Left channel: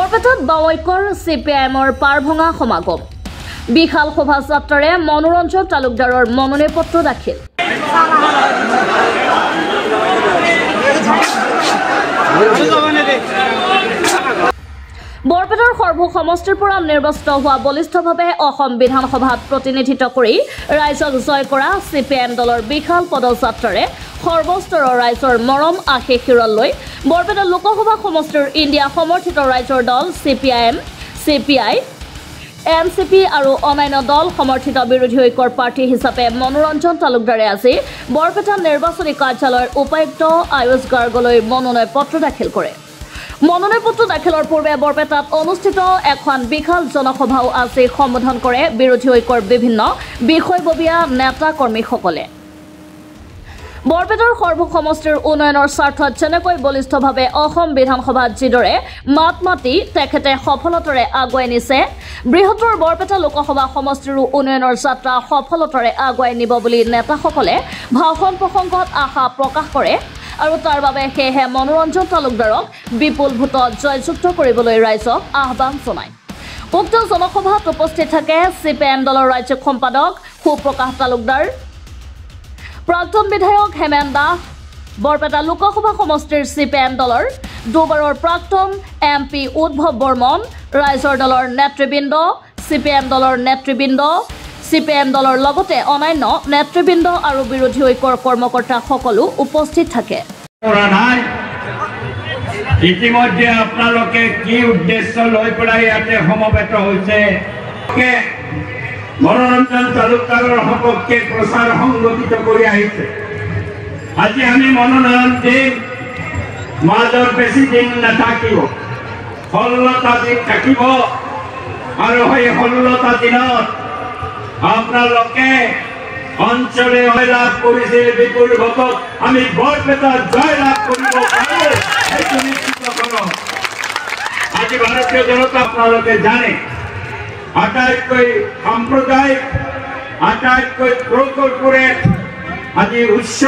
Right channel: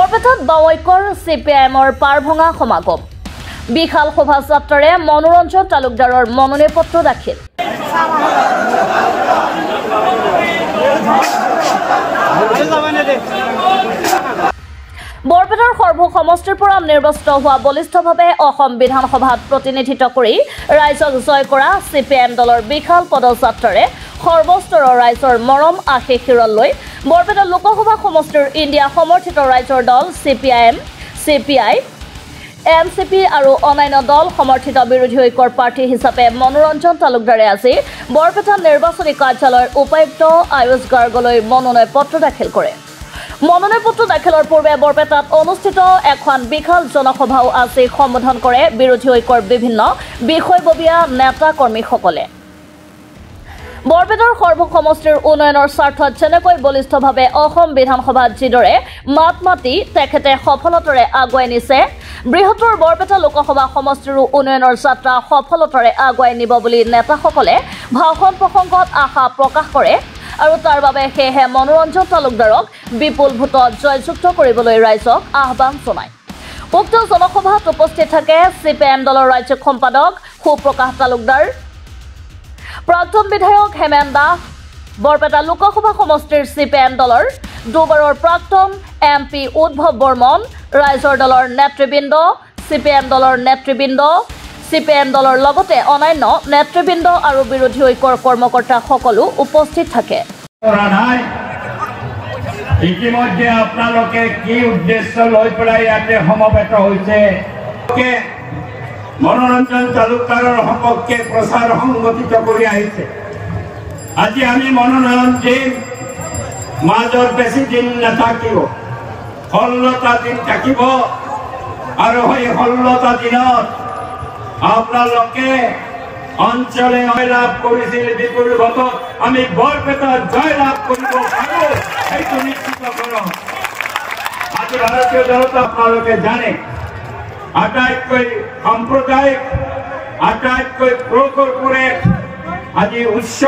বৰপেটাত বাৱৈকৰ CPIMৰ পাৰভঙা সমাগম বিশাল শোভাযাত্ৰাৰে মনোৰঞ্জন তালুকদাৰৰ মনোনয়ন পত্ৰ দাখিল বৰপেটাৰ সৰ্ব সমষ্টিৰ পৰা নিৰ্বাচিত হোৱা বলিষ্ঠভাৱে অসম বিধানসভাত প্ৰতিনিধিত্ব কৰি ৰাইজক জয় কৰা CPIM দলৰ বিশাল পদযাত্ৰাৰে সৰ্বস্তৰৰ ৰাইজৰ মৰম আশীৰ্বাদ লৈ বৰপেটা লোকসভা সমষ্টিৰ ইণ্ডিয়া সমৰ্থিত ৰাইজৰ দল CPIM, CPI, NCP আৰু অন্যান্য দল সমৰ্থিত বিৰোধী ঐক্যৰ প্ৰাৰ্থী হিচাপে মনোৰঞ্জন তালুকদাৰে আজি বৰপেটা নিৰ্বাচনী কাৰ্যালয়ৰ উপায়ুক্ত আয়ুষ গাৰ্গলৈ মনোনয়ন পত্ৰ দাখিল কৰে। মনোনয়ন পত্ৰ দাখিলৰ পূৰ্বে বৰপেটাত অনুষ্ঠিত এখন বিশাল জনসভাও আজি সম্বোধন কৰে বিৰোধী ঐক্যৰ বিভিন্ন বিষয়ববীয়া নেতা কৰ্মীসকলে। বৰপেটাৰ সৰ্ব সমষ্টিৰ উন্নয়নৰ স্বাৰ্থত যেনেকৈ বলিষ্ঠভাৱে অসম বিধানসভাত যিদৰে মাত মাতি তেখেতে সফলতাৰে আগুৱাই নিছে বৃহত্তৰ বৰপেটা লোকসভা সমষ্টিৰো উন্নয়নৰ যাত্ৰা সফলতাৰে আগুৱাই নিব বুলি নেতাসকলে ভাষণ প্ৰসংগত আশা প্ৰকাশ কৰে আৰু তাৰ বাবে সেয়েহে মনোৰঞ্জন তালুকদাৰক বিপুল ভোটত জয়যুক্ত কৰিবলৈ ৰাইজক আহ্বান জনায়। উক্ত জনসভাত উপস্থিত থাকে CPIM দলৰ ৰাজ্যিক সম্পাদক সুপ্ৰকাশ তালুকদাৰ, প্ৰাক্তন বিধায়ক হেমেন দাস, বৰপেটা লোকসভা সমষ্টিৰ CPIM দলৰ দুবাৰৰ প্ৰাক্তন MP উদ্ভৱ বৰ্মন, ৰাইজৰ দলৰ নেতৃবৃন্দ, CPIM দলৰ নেতৃবৃন্দ, CPIM দলৰ লগতে অন্যান্য নেতৃবৃন্দ আৰু বিৰোধী ঐক্যৰ কৰ্মকৰ্তা সকলো উপস্থিত থাকে। ইতিমধ্যে আপোনালোকে কি উদ্দেশ্য লৈ পেলাই ইয়াতে সমবেত হৈছে মনোৰঞ্জন তালুকদাৰৰ সপক্ষে প্ৰচাৰ সংগঠিত কৰি আহিছে। আজি আমি মনোনয়ন দিম, মাজৰ বেছি দিন নাথাকিব, 16টা দিন থাকিব আৰু সেই 16টা দিনত আপোনালোকে অঞ্চলে জয়লাভ কৰিছিল বিপুল ভোটত আমি বৰপেটাত জয়লাভ কৰিব পাৰোঁ সেইটো নিশ্চিত কৰক। আজি ভাৰতীয় জনতা আপোনালোকে জানে আটাইতকৈ সাম্প্ৰদায়িক আটাইতকৈ প্ৰকল্পৰে আজি উচ্চ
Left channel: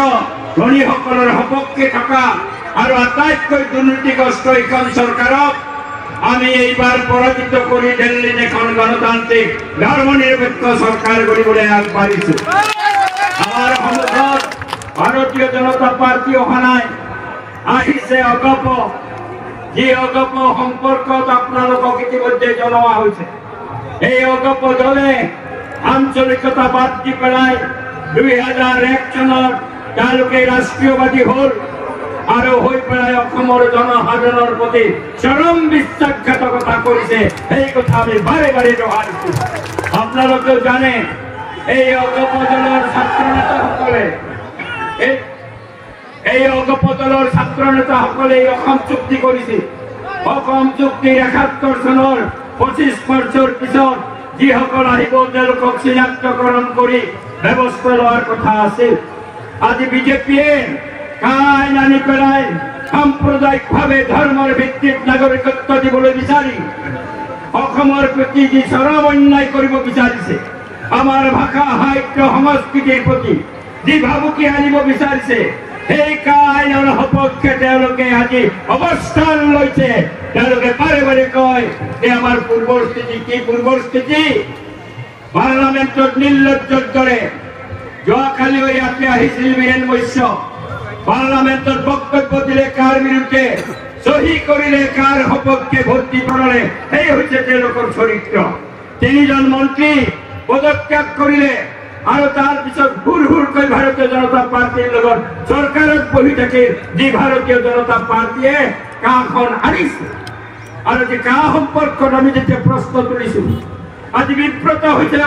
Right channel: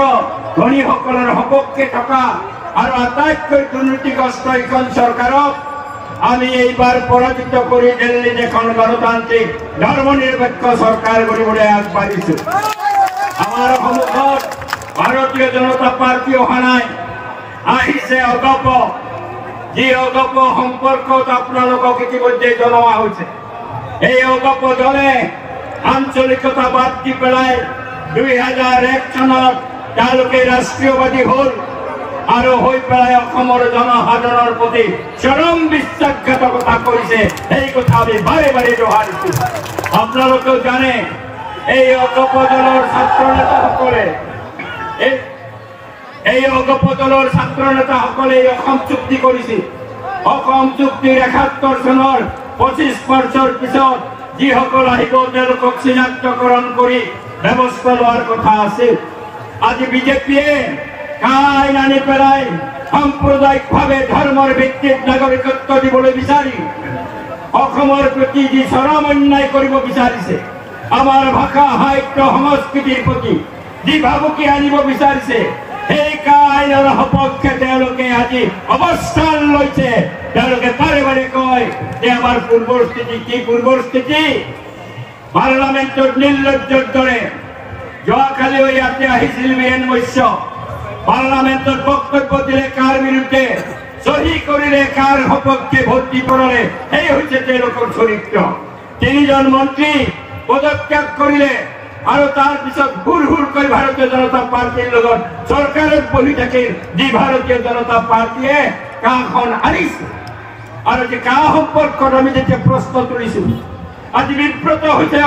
ধনীসকলৰ সপক্ষে থকা আৰু আটাইতকৈ দুৰ্নীতিগ্ৰস্ত এইখন চৰকাৰক আমি এইবাৰ পৰাজিত কৰি দিল্লীত এখন গণতান্ত্ৰিক ধৰ্মনিৰপেক্ষ চৰকাৰ কৰিবলৈ আগবাঢ়িছো। আমাৰ সন্মুখত ভাৰতীয় জনতা পাৰ্টি অহা নাই, আহিছে অগপ। যি অগপ সম্পৰ্কত আপোনালোকক ইতিমধ্যে জনোৱা হৈছে। এই অগপ দলে আঞ্চলিকতা বাদ দি পেলাই 2001 চনত তেওঁলোকে ৰাষ্ট্ৰীয়বাদী হ'ল আৰু হৈ পেলাই অসমৰ জনসাধাৰণৰ প্ৰতি চৰম বিশ্বাসঘাতকতা কৰিছে। এই কথা আমি বাৰে বাৰে দোহাৰিছো। আপোনালোকেও জানে এই অগপ দলৰ ছাত্ৰ নেতাসকলে অসম চুক্তি কৰিছিল। অসম চুক্তিৰ 71 চনৰ 25 বছৰ পিছত যিসকল আহিব তেওঁলোকক চিনাক্তকৰণ কৰি ব্যৱস্থা লোৱাৰ কথা আছিল। আজি বিজেপিয়ে আইন আনি পেলাই সাম্প্ৰদায়িকভাৱে ধৰ্মৰ ভিত্তিত নাগৰিকত্ব দিবলৈ বিচাৰি অসমৰ প্ৰতি যি চৰম অন্যায় কৰিব বিচাৰিছে, আমাৰ ভাষা সাহিত্য সংস্কৃতিৰ প্ৰতি যি ভাবুকি আনিব বিচাৰিছে, সেই আইনৰ সপক্ষে তেওঁলোকে আজি অৱস্থান লৈছে। তেওঁলোকে বাৰে বাৰে কয় যে আমাৰ পূৰ্বৰ স্থিতি কি? পূৰ্বৰ স্থিতি পাৰ্লামেণ্টত নিৰ্লজ্জৰ দৰে যোৱাকালিও ইয়াতে আহিছিল বীৰেন বৈশ্য, পাৰ্লামেণ্টত বক্তব্য দিলে কাৰ বিৰুদ্ধে, সহি কৰিলে কাৰ সপক্ষে ভোট দিবলৈ, সেই হৈছে তেওঁলোকৰ চৰিত্ৰ। 3জন মন্ত্ৰী পদত্যাগ কৰিলে আৰু তাৰ পিছত হুৰকৈ ভাৰতীয় জনতা পাৰ্টিৰ লগত চৰকাৰত বহি থাকিল। যি ভাৰতীয় জনতা পাৰ্টিয়ে কাখন আনিছে আৰু যি কা সম্পৰ্কত আমি যেতিয়া প্ৰশ্ন তুলিছো, আজি বিব্ৰত হৈছে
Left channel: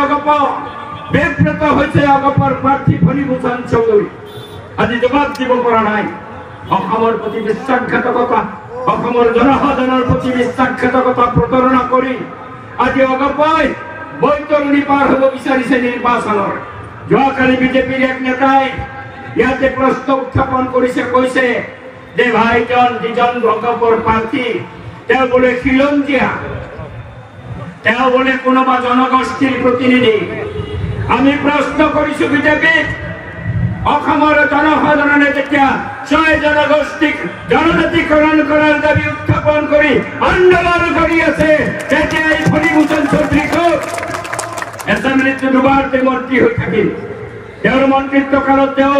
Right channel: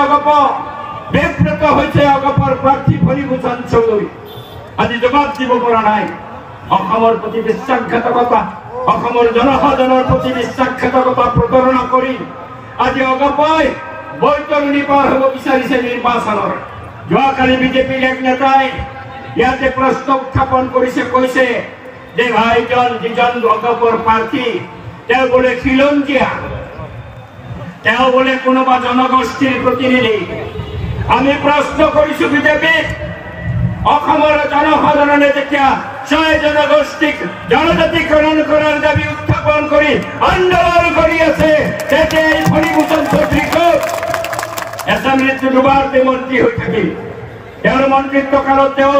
অগপৰ প্ৰাৰ্থী ফণীভূষণ চৌধুৰী। আজি জবাব দিব পৰা নাই। অসমৰ প্ৰতি বিশ্বাসঘাতকতা, অসমৰ জনসাধাৰণৰ প্ৰতি বিশ্বাসঘাতকতা প্ৰতাৰণা কৰি আজি অগপই বৈতৰণি পাৰ হ'ব বিচাৰিছে নিৰ্বাচনৰ। যোৱাকালি বিজেপিৰ এক নেতাই ইয়াতে প্ৰশ্ন উত্থাপন কৰিছে, কৈছে যে ভাইজন যিজন অগপৰ প্ৰাৰ্থী তেওঁ বোলে খিলঞ্জীয়া, তেওঁ বোলে কোনোবা জনগোষ্ঠীৰ প্ৰতিনিধি। আমি প্ৰশ্ন কৰিছো বিজেপিক, অসমৰ জনসাধাৰণে যেতিয়া 6 জনগোষ্ঠীক জনজাতিকৰণ কৰাৰ দাবী উত্থাপন উত্থাপন কৰি আন্দোলন কৰি আছে তেতিয়া এই ফণীভূষণ চৌধুৰীক এছামিজ দুবাৰতে মন্ত্ৰী হৈ থাকিল তেওঁৰ মন্ত্ৰিত্ব কালত তেওঁ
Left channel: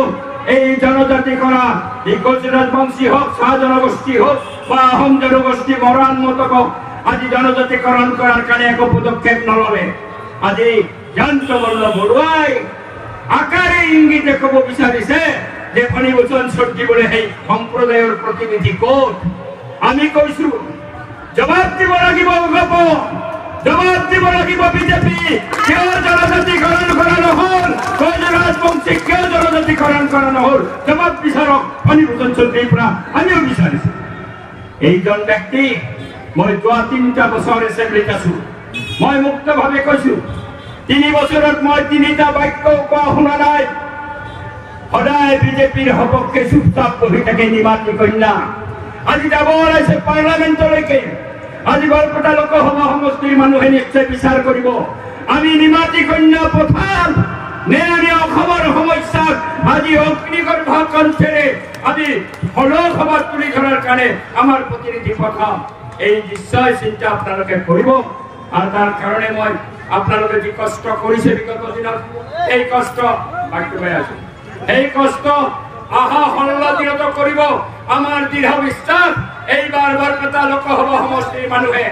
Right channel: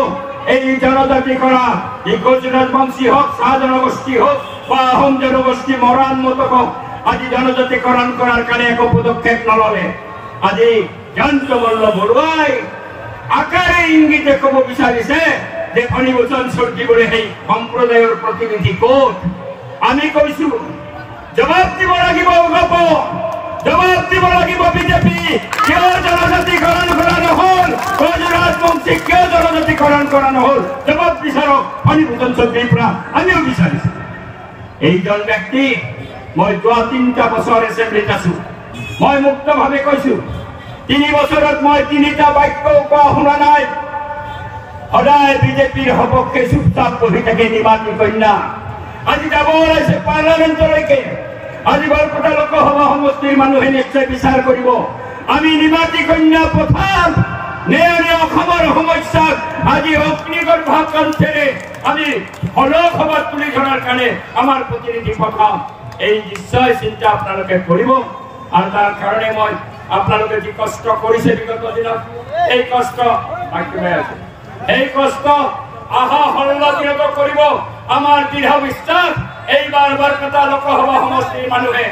এই জনজাতি কৰা এই গুজৰাট বংশী হওক চাহ জনগোষ্ঠী হওক বা আহোম জনগোষ্ঠী মৰাণ মতক হওক আজি জনজাতিকৰণ কৰাৰ কাৰণে একো পদক্ষেপ নললে আজি জয়ন্ত মল্ল বৰুৱাই আকাৰে ইংগিতে ক'ব বিচাৰিছে যে ফণীভূষণ চৌধুৰী বোলে সেই সম্প্ৰদায়ৰ প্ৰতিনিধি ক'ত আমি কৈছো জবাব দিব লাগিব গপ জবাব দিব লাগিব বিজেপি কিয় জনজাতিকৰণ কৰা নহল গুজৰাট বংশী কিয় জনজাতিকৰণ কৰা নহল জবাব বিচাৰক ফণীভূষণ চৌধুৰীৰ পৰা আমিও বিচাৰিছো এইজন ব্যক্তি মই যোৱা 3টা বছৰ এছেম্বলিত আছো মই মুক্তভাৱে কৈছো 3 বছৰত মই 3টা বাক্য কোৱা শুনা নাই সদায় বিজেপিৰ সপক্ষে চুপচাপ বহি থাকে নিমাতী কন্যা আজি যাব ওলাইছে পাৰ্লামেণ্টলৈকে আজি বৰপেটা লোকসভা সমষ্টিৰ মানুহে নিশ্চয় বিচাৰ কৰিব আমি নিমাতী কন্যা পঠাম নে আমি অসমৰ সমস্যাক আজি অগ্নিগৰ্ভ কণ্ঠেৰে আমি লোকসভাত তুলি ধৰাৰ কাৰণে আমাৰ প্ৰতিনিধি পঠাম এই নিশ্চয় চিন্তা আপোনালোকে কৰিব আৰু তাৰ কাৰণে মই আপোনালোকে যি কষ্ট কৰিছে বিগত দিনত এই কষ্ট এই কষ্ট আহা 16 দিনত কৰিব আমাৰ দৃঢ় বিশ্বাস এইবাৰ বৰপেটা লোকসভা সমষ্টিৰ মানুহে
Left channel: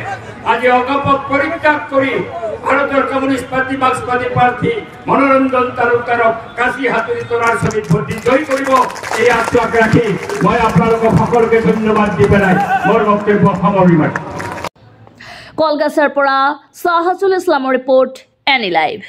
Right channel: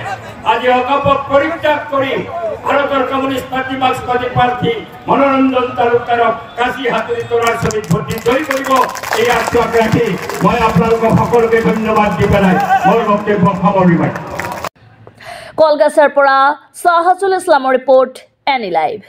আজি অকপট পৰিত্যাগ কৰি ভাৰতৰ কমিউনিষ্ট পাৰ্টি মাৰ্ক্সবাদী প্ৰাৰ্থী মনোৰঞ্জন তালুকদাৰক কাশী হাতুৰী তৰাৰ ছবিত ভোট দি জয়ী কৰিব এই আশ্বাস ৰাখি মই আপোনালোকক সকলোকে ধন্যবাদ দি পেলাই মোৰ বক্তব্য সামৰিম কলগাছৰ পৰা সাহাজুল ইছলামৰ ৰিপৰ্ট এনি লাইভ।